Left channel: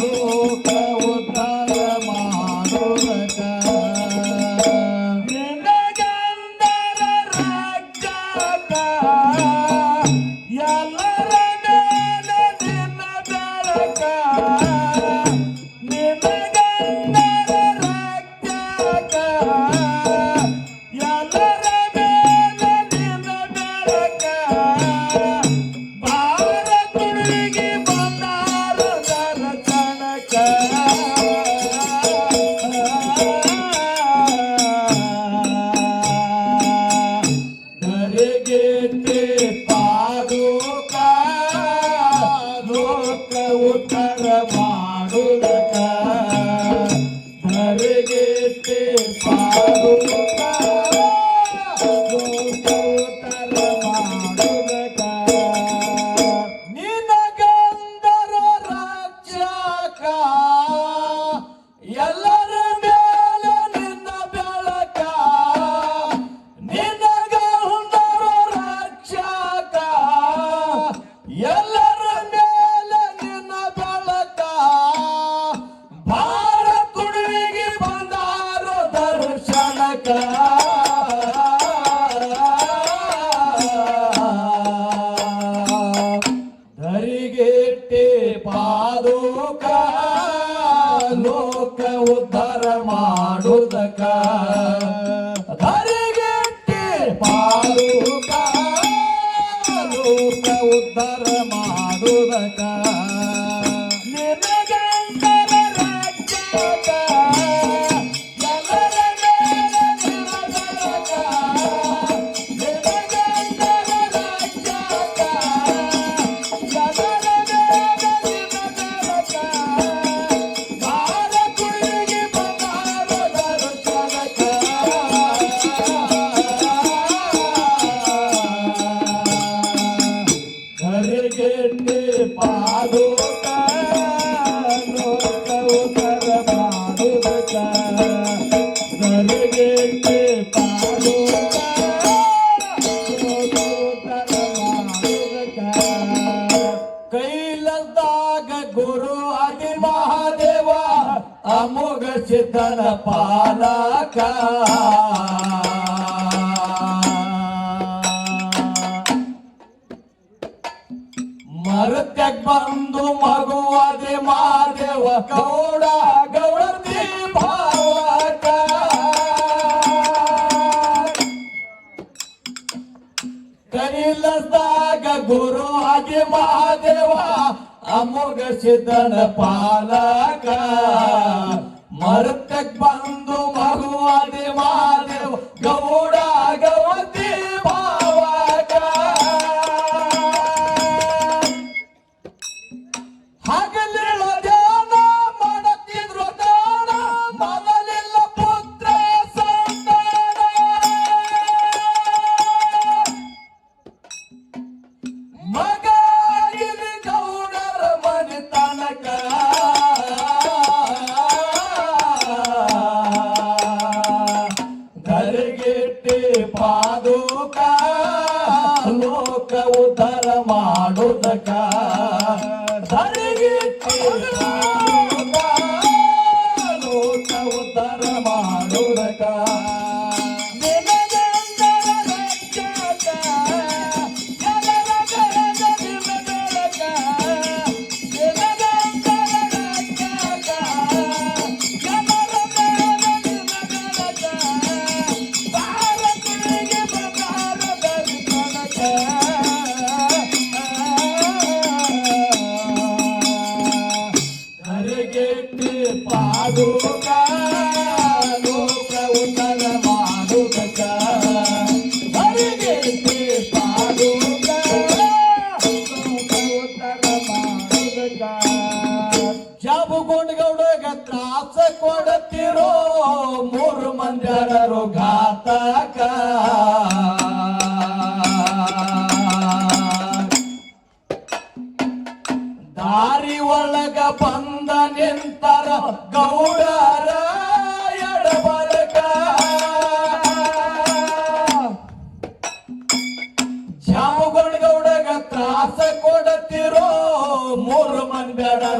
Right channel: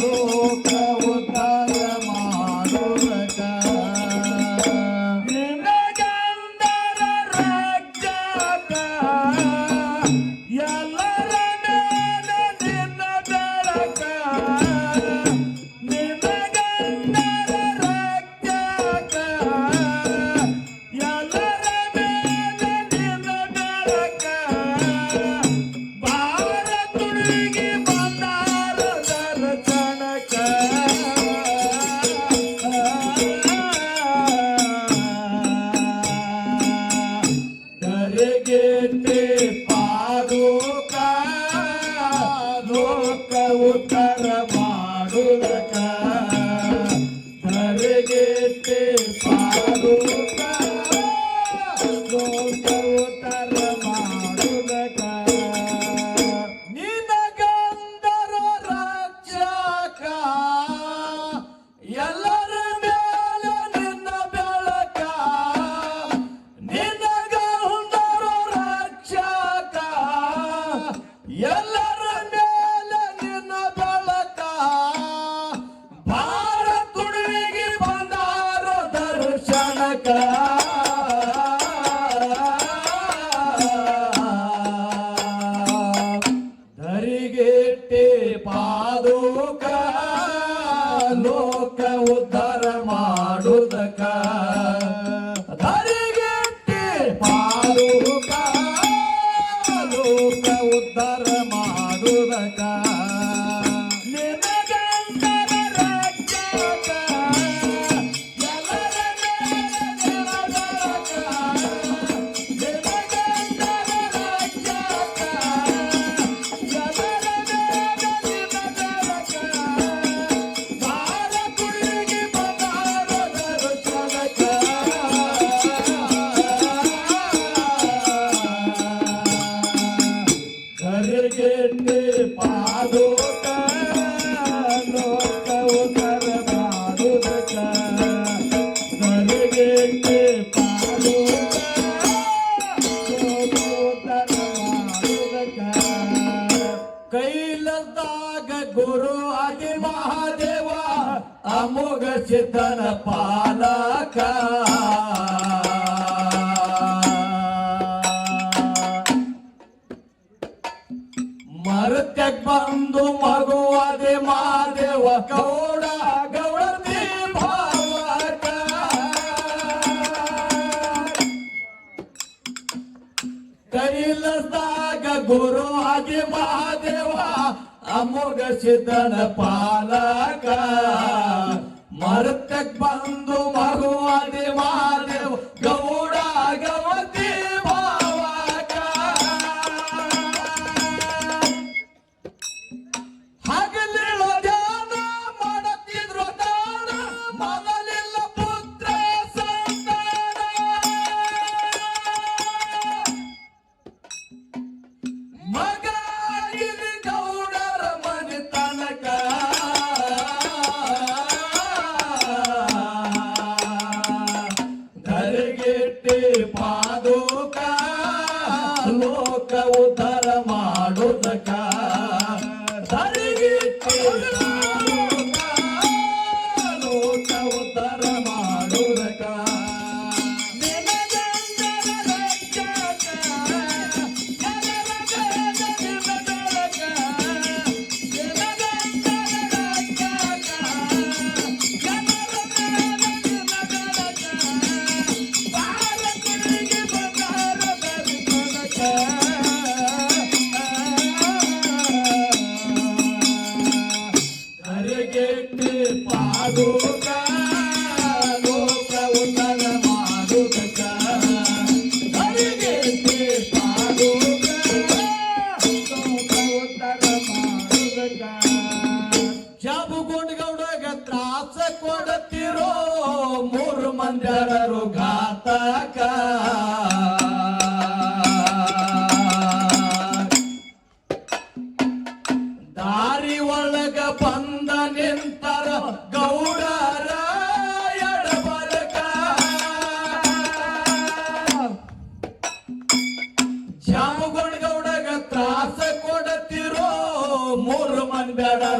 গো ಗುರು ಆದಿ ಮಹಾದೇವ ಅಮೋಘ ಸಿದ್ಧನ ಪಾಲಕ. ke tan pa Murdaka.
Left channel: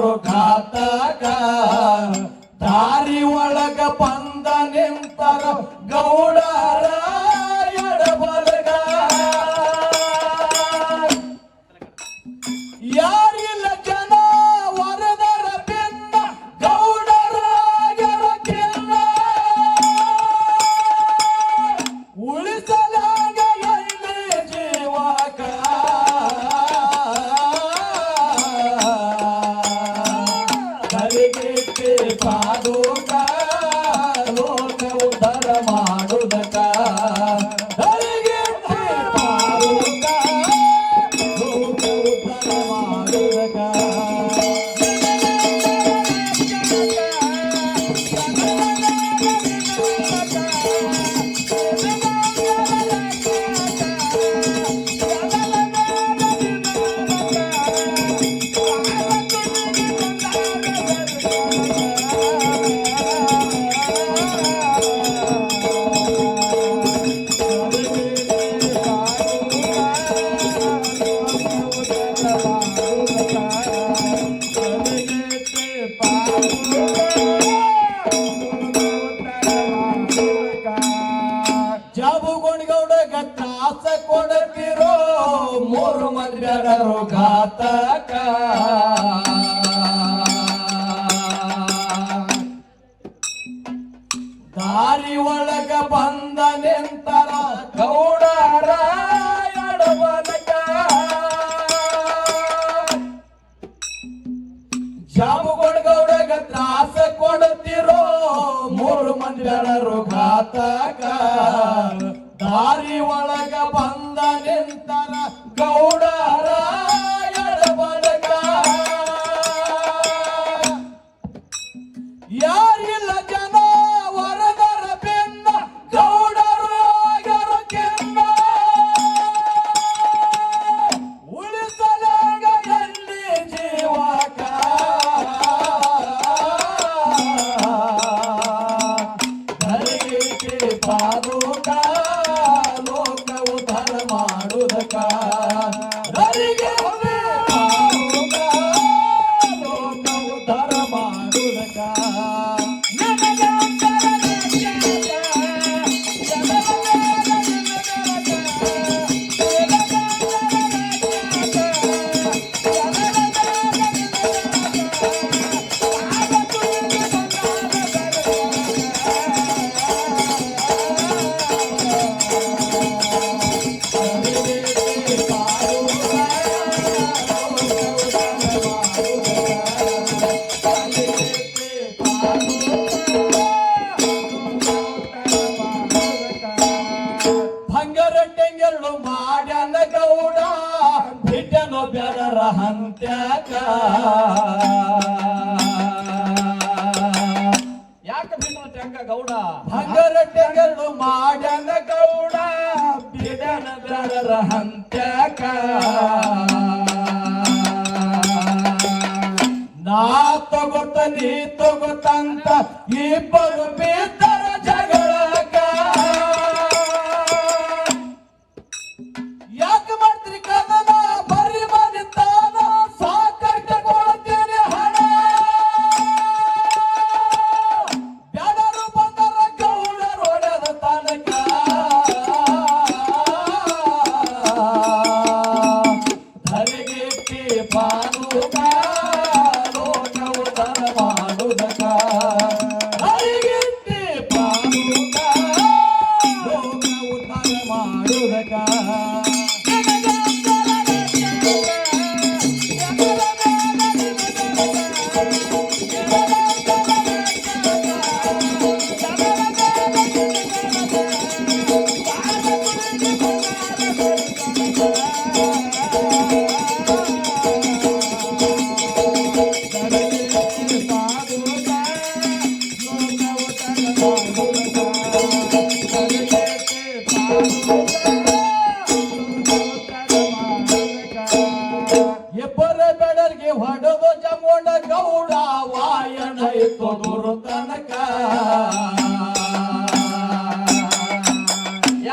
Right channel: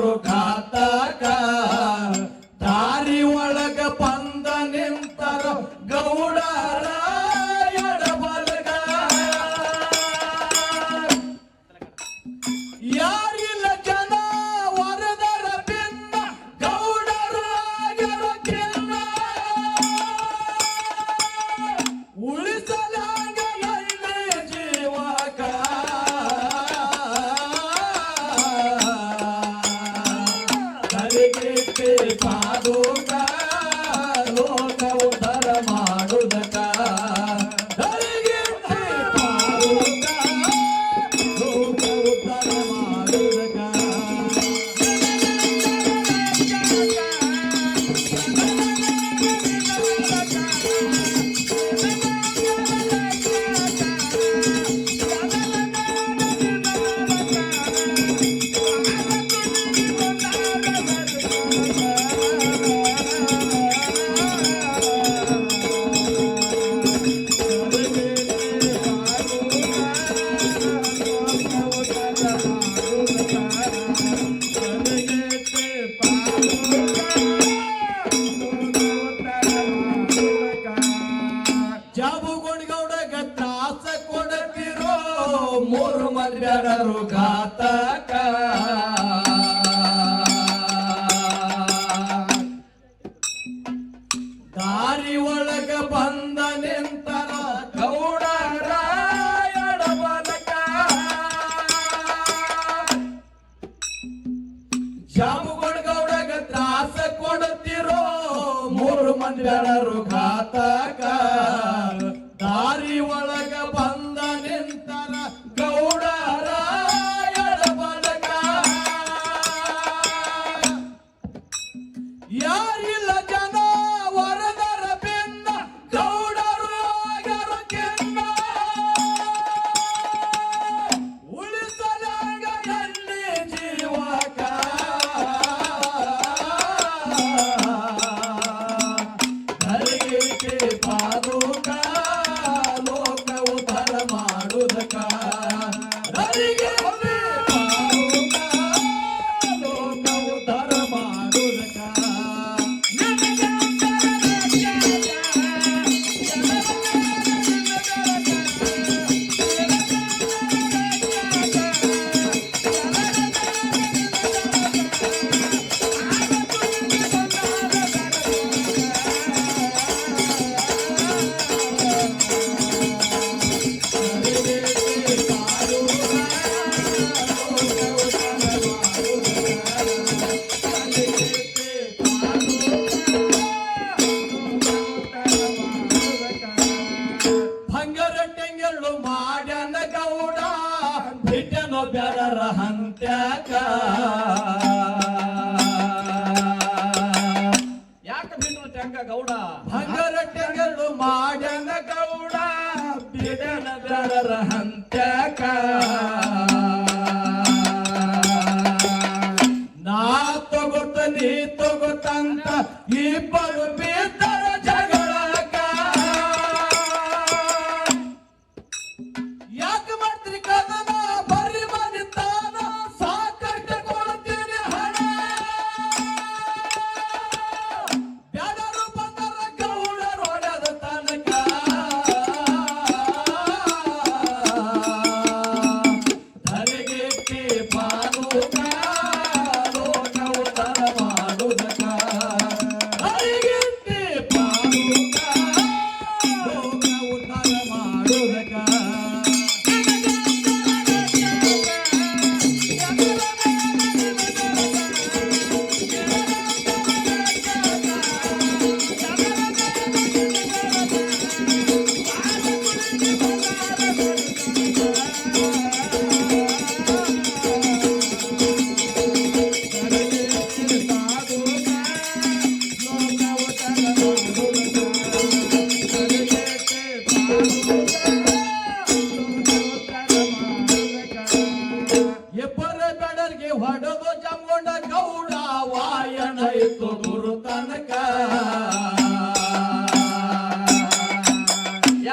ರೋಗಾತ Salvador. ಮೂರು ಮಂದಿರರು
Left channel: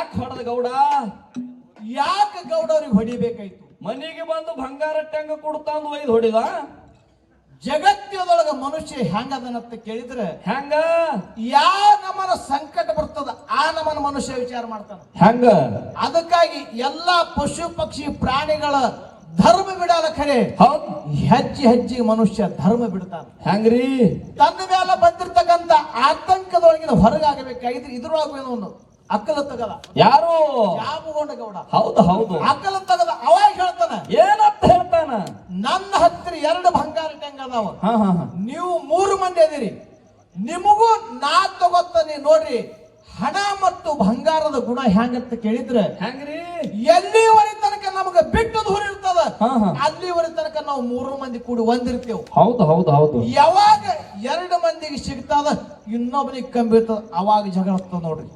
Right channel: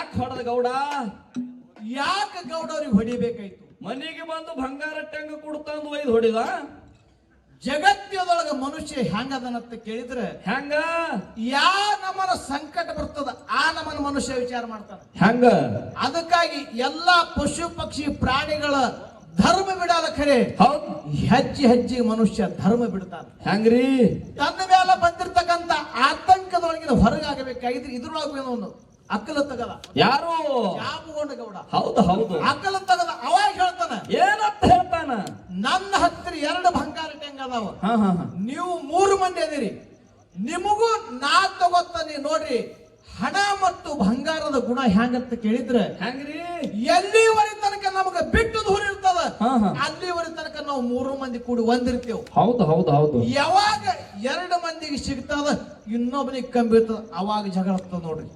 ಯಾಕೆ ಹೊಡೆದ ಗೌಡ? ಯಾಕೆ ಗೌಡವ್ರಿಗೆ ಹೊಡಿಬೇಕಾಯ್ತು? ಮನೆಗೆ ಬಂದು ಬಂಗಾರ ಟಂಗ ಕೊಡ್ತಾಂದು ಒಯ್ದು ಹೊಡಿದ ಜಗತ್ತಿನೊಳಗ ಮನುಷ್ಯ ಹೆಂಗದನಂತ ಕೇಳಿದ್ರೆ ಹೆಂಗ? ಯಾವ ನಮನ ಸಂಕಟ ಬರ್ತದ ಆ ನಮನ ಮನುಷ್ಯ ವಿಚಾರ ಮಾಡ್ತಾನ. ಹೆಂಗ? ಅದಕ್ಕಾಗಿ ಎಲ್ಲಾ ಪಶು ಪಕ್ಷಿ ಪ್ರಾಣಿಗಳ ಧರ್ಮ ಬಿಡಲ್ಲ ಖರೆ. ಹೆಜ್ಜೆ ಹೆಜ್ಜೆ ಮನುಷ್ಯ ಧರ್ಮ ಬಿಡ್ತಾನ. ಹೆಂಗ್ರಿ? ತನ್ನ ಮೇಲೆ ಬಂದಿರ್ತಕ್ಕಂಥ ಆತಂಕದೊಳಗಿನ ಹೊರಗಾಗಬೇಕಾಗಿದ್ರೆ ಇದ್ರೊಳಗೆ ಒಂದು ಅಕ್ಕಲ ತಗದ ಯಾರು? ಜಾಬುಗೊಂಡ ಗೌಡ. ಹೌದು ಹೌದು. ಅಕ್ಕಲ ತಗದ ಅವಾಗ ಹೇಳ್ತಾನ. ಏನಂತ ಹೇಳ್ತಾನ? ನನ್ನ ಹತ್ತಿರ ಎರಡು ಬಂಗಾರ ಟ್ಯಾಂಕ್ ಅದಾವ. ನೀವು ಮೂರು ಮಂದಿ ಅದಿರಿ. ನಿಮಗೂ ನಾ ತಗೋತಾನೆ ನೋಡ್ರಿ. ಹಣ ಮತ್ತು ಬಂಗಾರದ ಗುಣ ಹೆಂಗತ್ತ ಕೇಳಿದ್ರೆ ಹೆಂಗ್ರಿ ಎಲ್ಲಿವರೆ ತನಕ ನಮಗೆ ಬಿಟ್ಟು ದೂರ ಇರ್ತದ? ಅಲ್ಲಿವರೆ ತನಕ ನಾವು ಮೂರು ಮಂದಿ ಕೂಡಿ ಒಂದಿರ್ತೇವೆ. ಹೌದು ಹೌದು ಹೌದು. ಯಾವಾಗ ಎರಡು ಮಂದಿಗೆ ಸಿಗ್ತದ ಇನ್ನೊಬ್ಬನಿಗೆ ಕಂಬಿರ್ತದ ಇರ್ತದ. ಅವಾಗ ಜಗಳ ಆಗ್ತದ ನೋಡ್ರಿ.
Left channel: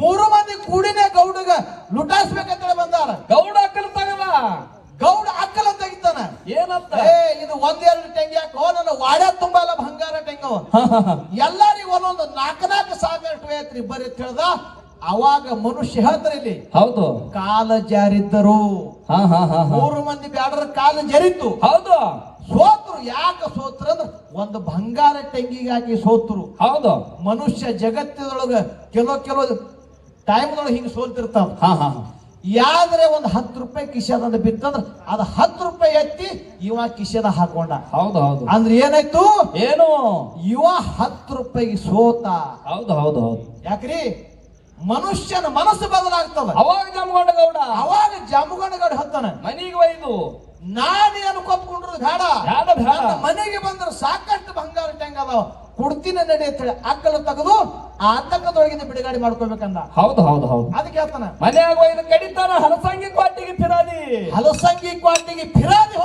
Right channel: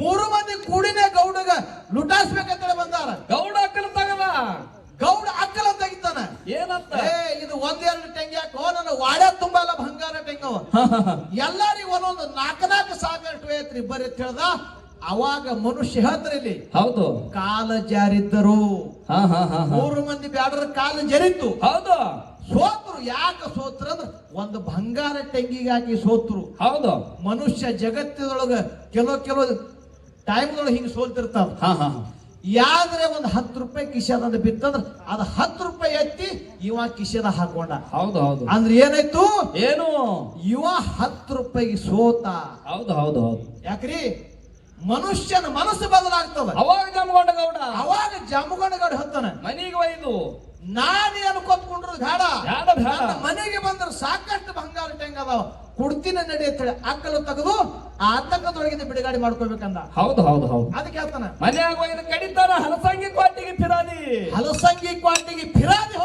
ಮೂರು ಮಂದಿ ಕೂಡಿನೇ ಗೌಡಗ ಲುಟಾಸ್ಬೇಕಂತ ಬಂದಾರ. ಗೌಡ ತಗದ ಗೌಡ ಅಕ್ಕಲ ತೆಗಿತಾನ ಏನಂತ? ಏ ಇದು ಒಂದೆರಡು ಟೆಂಗಿ ಹಾಕೋ ನನ್ನ ವಾಡೆ ತುಂಬಲ್ಲ ಬಂಗಾರ ಟೆಂಗು ಎಲ್ಲರಿಗೂ ಒಂದೊಂದು ನಾಲ್ಕು ನಾಲ್ಕು ಸಾವಿರ ಐತ್ರಿ ಬರೀ ಅಂತ ಹೇಳ್ದ? ಅವಾಗ ಮನುಷ್ಯ ಹೇಳ್ತಾರಲ್ಲಿ ಹೌದು. ಕಾಲ ಜಾರಿದ್ದರು. ಮೂರು ಮಂದಿ ಬ್ಯಾಡರ ಕಾಲ ಜರಿತು ಹೌದು. ಸೋತ್ರು ಯಾಕೆ ಸೋತ್ರ ಅಂದ್ರೆ ಒಂದು ಬಂಗಾರ ಟೆಂಗಿಗಾಗಿ ಸೋತ್ರು. ಹೌದು. ಮನುಷ್ಯ ಜಗತ್ತಿನೊಳಗ ಕೆಲವು ಕೆಲವು ಟೈಮ್ ಹಿಂಗೆ ಸೋಲ್ತಿರ್ತಾವ. ಹಾ ಹಾ. ಯಾವ್ದ್ರೆ ಒಂದು ಹತ್ತು ರೂಪಾಯಿ ಕಿಶೆದಂದ ಬಿತ್ತಂದ್ರ ಅದ ಹತ್ತು ರೂಪಾಯಿ ಎತ್ತಿ ಇವ ಕಿಶದ ಹಾಕೊಂಡ. ಹೌದು ಹೌದು. ಅಂದ್ರೆ ಏನಾಯ್ತು? ಏನು? ಇವ ಹತ್ತು ರೂಪಾಯಿ ಸೋತ. ಹೌದು ಹೌದು ಹೌದು. ಯಾಕ್ರಿ? ಮನುಷ್ಯನ ಮನಸ್ಸು ಬದಲಾಗ್ತದ. ಅವಾಗ ಜಮಗೊಂಡ ಗೌಡ. ಅವಾಗ ಜಾಮಗೊಂಡ ಗೌಡ ಹತ್ತಾನೆ. ಮನೆಗೆ ಒಯ್ದು. ನಾನೇನು ಕೊತ್ಕೊಂಡ್ರು ಬೇಡ. ಬೇಡ? ಮನೆಗೆ ಬಂದ್ರೆ ಸಾಕಷ್ಟು ಬಂಗಾರ ಟ್ಯಾಂಗ್ ಅದಾವ ಕೊಡ್ತೀನಿ ನಡಿ ಅಂತ ಹೇಳಿ ಅಕ್ಕಲು ತೆಗೆದು ಆ ಆತಂಕದೊಳಗಿಂದ ಬಿಡುಗಡೆ ಮಾಡ್ಕೋಬೇಕಂದ ಹೌದು ಹೌದು ಹೌದು. ಅದಕ್ಕೆ ಹೇಳ್ತಾನ. ಮನ್ಯಾಗ ಒಯ್ದು ಕಡಿತಾನ ಹಲಸಂಗಿ ಕ್ವಾಟಿಗೆ ಫಿರಾದಿ ಹಲಸಂಗಿ ಕ್ವಾಟಿಗೆ ಫಿರಾದಿ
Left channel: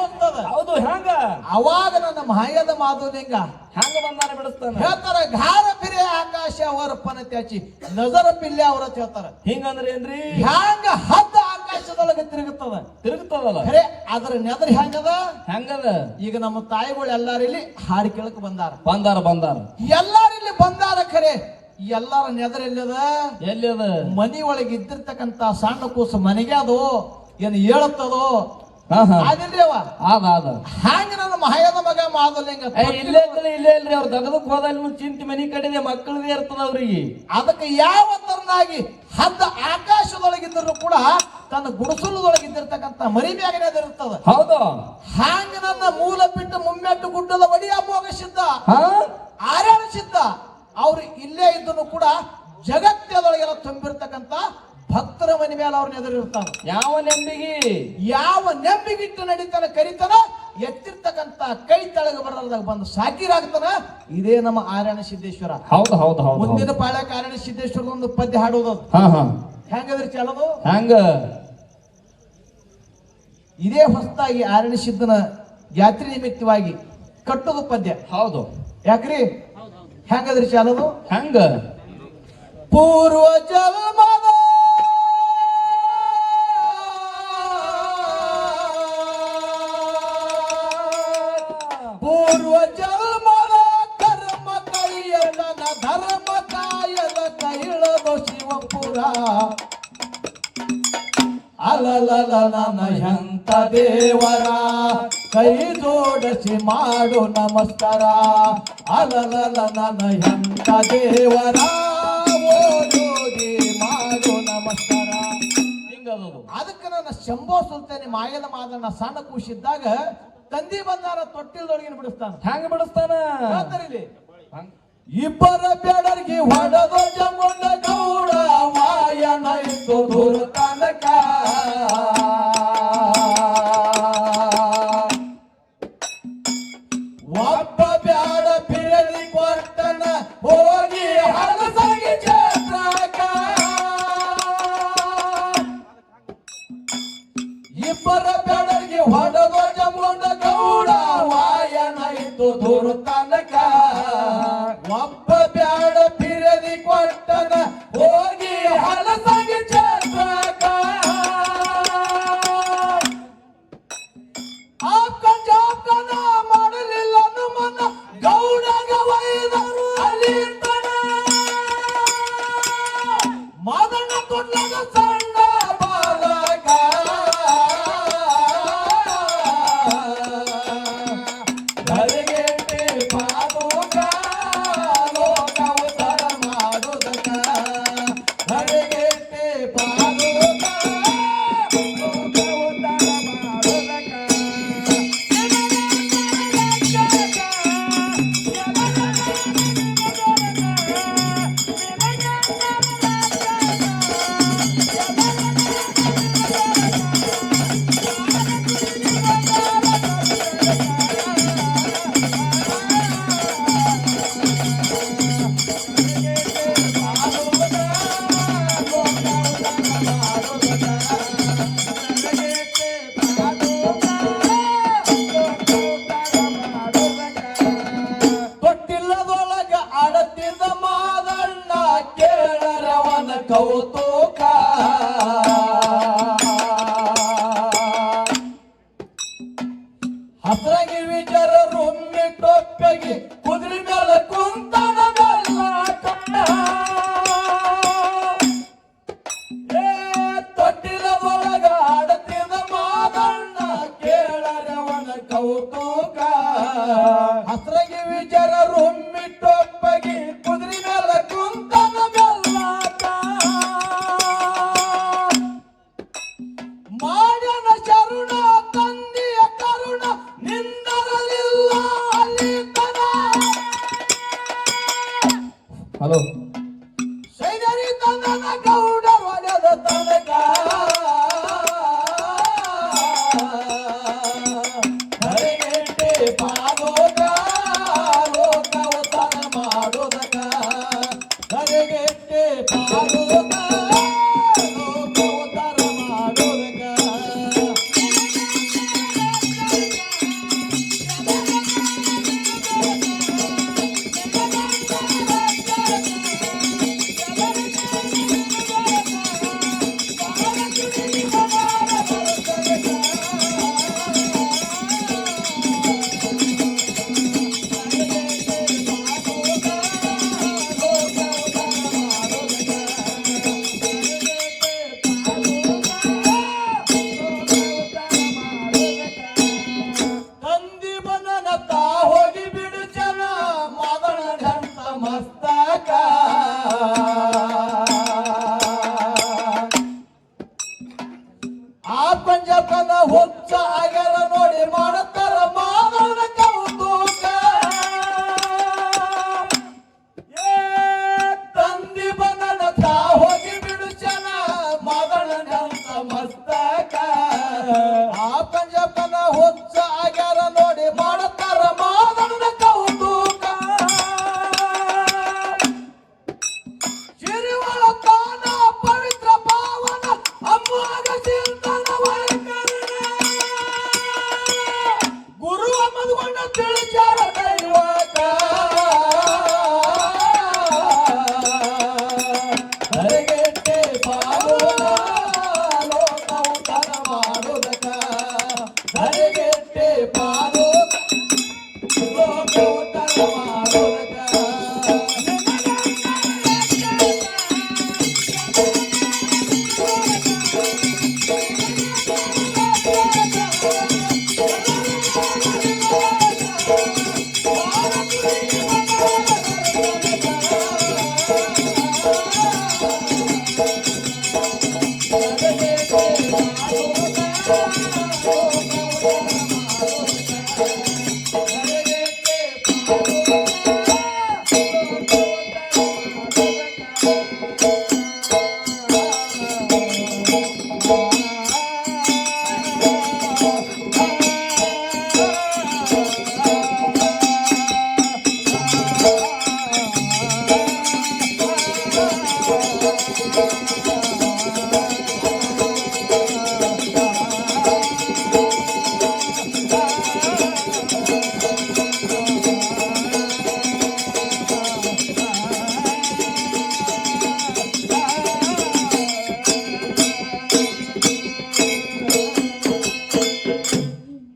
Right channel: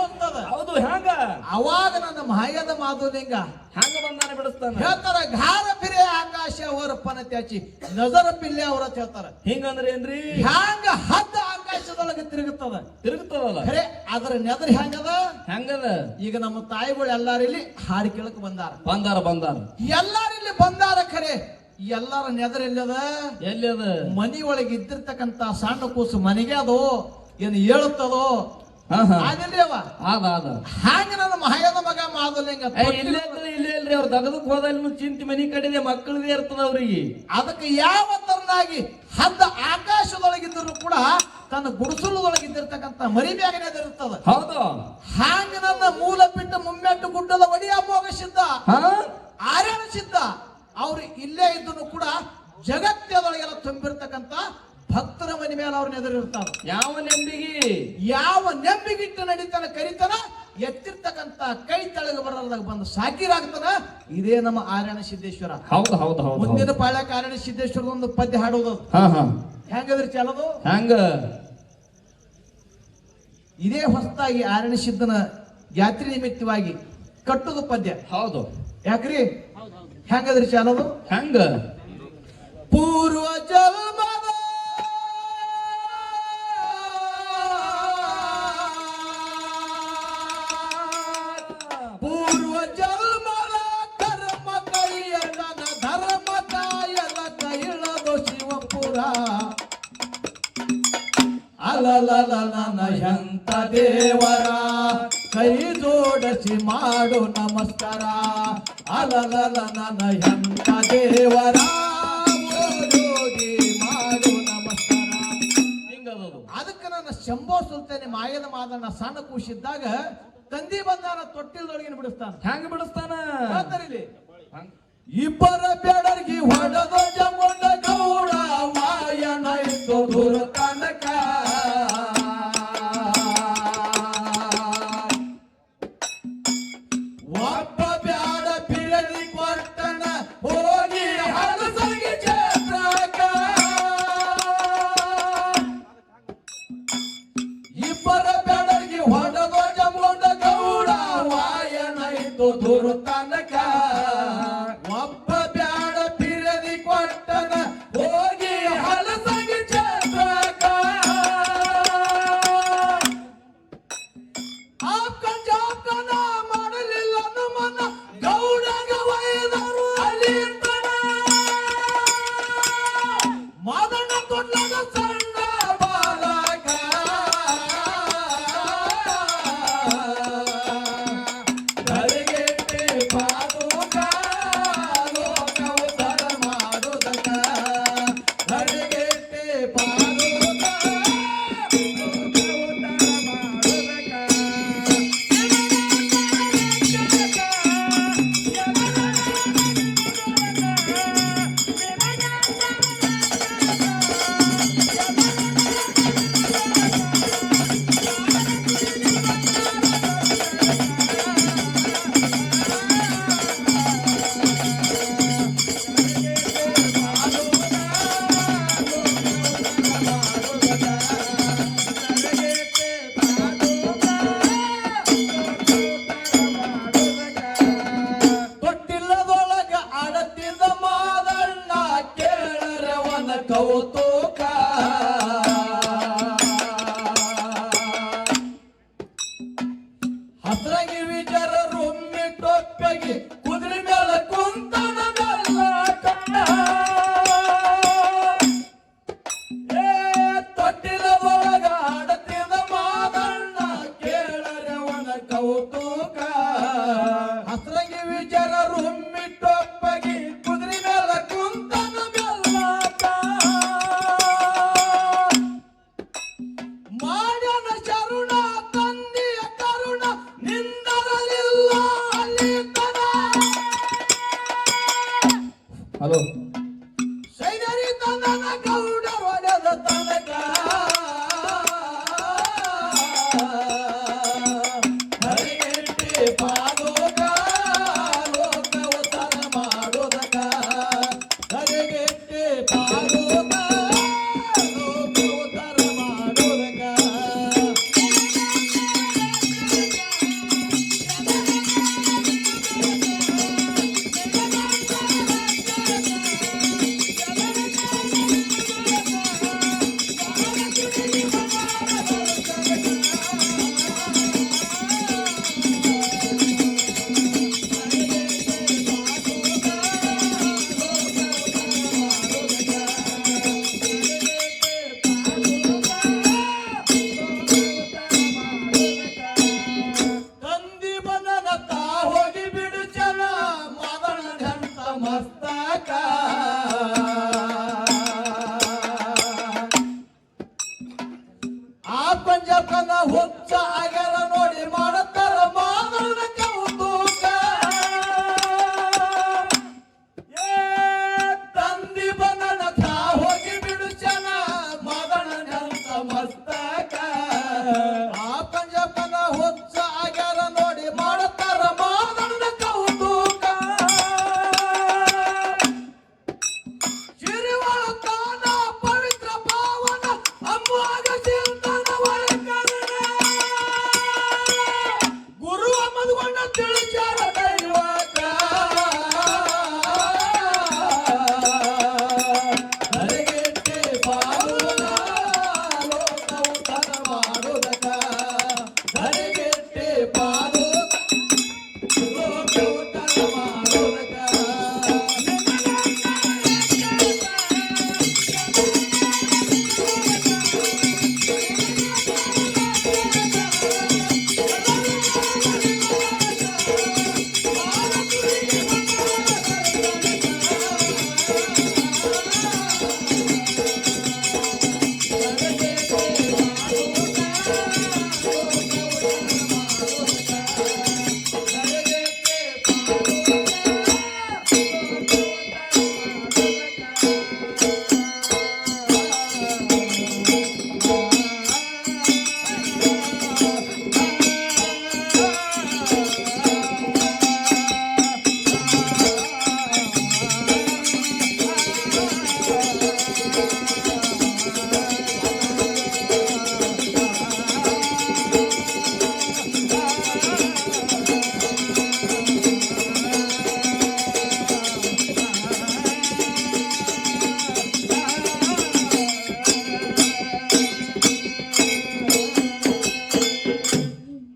ಅವಾಗ ನನ್ನ ಮಾಯದ ಮಾಧುಲಿಂಗ ಹೆಂಗ ಬಂದಾನ ಬಿಡಿಸ್ತಾನೆ? ಹೇಳ್ತಾರ ಘಾರ ಪಿರೆ ಆಕಾಶ ಅವರಪ್ಪನ ಪನ ತ್ಯಾಚಿ ನಜರ ಪಿಲ್ಲೆ ಅವರ ಹೇಳ್ತಾರ. ಹಿಂಗಂದ್ರೆ ಏನ್ರಿ ಹ್ಯಾಂಗ ಹದ್ದ ಆಕಾಶದೊಳಗೆ ತಿರುಗುತ್ತದ? ತಿರುಗುತ್ತದಲ್ಲ? ಖರೆ ಅದ್ರ ನೆದರ್ ಹೆಂಗದ ಹೆಂಗದ ಈಗ ನಮ್ಮ ತಾಯಿಗಳು ಎಲ್ಲಾರು ಇಲ್ಲಿ ಹಾಡು ಕೇಳಕ್ ಬಂದಾರ. ಬಂದಾರ ಬಂದಾರ. ಎಲ್ಲಾರಿಲ್ಲಿ ಬಂದಾರ ಖರೆ. ಎಲ್ಲಾರ ನೆದರ್ ಎಲ್ಲದ ಎಲ್ಲದ ಮನಿ ಒಳಗೆ ಇದ್ದಿರ್ತಕ್ಕಂತ ಸಣ್ಣ ಕೂಸು ಮನೆಗೆ ಅದು. ಏನು ಹೇಳುತ್ತದೋ ಅದಿಲ್ರಿ ಹ್ಯಾಂಗ ನನ್ನ ಮಹಾಯದ ಮಗ ಮಾದಲಿಂಗ ಇಲ್ಲೇ ಇಲ್ಲೇ ಇಲ್ರಿ ಅವ್ರ ದಗದಕ್ ಹೋದಲ್ಲಿ ಚಿಂತೆ ಮನಿ ಕಡೆದೆ ಮಕ್ಕಳಿಗೆ ಇರ್ತದ ಅವ್ರಿಗೆ ಅದಕ್ಕೆ ಯಾವ ತರನಾಗಿ ಹದ್ದ ಆಕಾಶದೊಳಗಿದ್ದರೂ ಕೂಡ ತನ್ನ ಗುಡಿಸಲದೊಳಗಿದ್ದಿರ್ತಕ್ಕಂಥ ಮರಿ ಮ್ಯಾಗನೇ ಇರ್ತದ ಹೌದು. ಹಾಂಗ ನನ್ನ ಮೂಲ ಬಿಟ್ಟು ಮುಮ್ಮೆಟ್ಟು ಗುಡ್ಡದ ಒಡಿಯ ಮೋಗ ಸಿದ್ಧ? ಆರಾಮ ಆರ್ಯಾಣ ಸಿದ್ಧ? ಅವ್ರು ಇಲ್ಲೇ ಇದ್ದನು ಕೂಡ ಜಗತ್ತದೊಳಗೆಲ್ಲ ತುಂಬಿರ್ತಕ್ಕಂಥ ಭಕ್ತರ ಮನೆ ಮೇಲೆ ಅವ್ರನ್ನ ಎದುರಿರ್ತಾರ ಯಾವ ನೆಂಬಿಗೆ ಯಾವ ನೆಂಬಿಗಿಟ್ಟು ನಡೀತಾನ ಕರಿತಾನ ಎತ್ತಿರ್ತಕ್ಕಂತ ಕೈ ತಳಗ ಬರದಾಗ ಬಂದು ಸಾಕಿರಾಗ್ತಾನ ಇದೇ ನಮ್ಮ ಆರ್ಯಣ ಸಿದ್ದೇಶ್ವರ. ಹೌದು ಹೌದು ಹೌದು. ಮುಂದಿನ ಪಾಳ್ಯ ಆರ್ಯಣ ಸಿದ್ದೇಶ್ವರ ಒಂದು ಪದ್ಯ ಹಾಡೋದು. ಹೆಂಗದ್ರಿ ಚಾಲೋದು? ಹೆಂಗ? ಇದೇ ಹೊಸದಾಗಿ ಆರಣ ಸಿದ್ಧನ ಯಾತ್ರಿ ನಿಮಿತ್ತವಾಗಿ ಕಟ್ಟೋದು ಪದ್ಯ. ಹೌದು. ಯಾಕ್ರಿ? ಹೆಂಗದ್ರಿ ಚಾಲೋದು? ಹೆಂಗ? ಪೂರ್ವ ಜನ್ಮದ ದೇವರ ಕೈ ಜೋಡಿಸಿ ಮಾಡು ನಮಸ್ಕಾರ. ಅಲಲಲ ನನ್ನ ಎಂತ ದೇವರ ಮಾಡು ನಮಸ್ಕಾರ. ಅದಕ್ಕೆ ನನ್ನ ಶಂಭೋ ಸುಲ್ತಾನಿ ಮಾಯದ ಮಾದನ ಸಣ್ಣ ಕೂಸಿದ್ದಾಗ ತಂದಿ ಬಂದಾರ ತೊಟ್ಟಿಲ್ದೊಳಗಿನ ಬಿಡಿಸ್ತಾನ. ಹೆಂಗ ಬಿಡಿಸ್ತಾನ? ಇಬ್ಬರ ಬೇಡರಿಗೆ ಹೊಡೆದ ಜಮುಂಡ ಗೌಡ ವಾಯನ ಇತ್ತು ದೂರ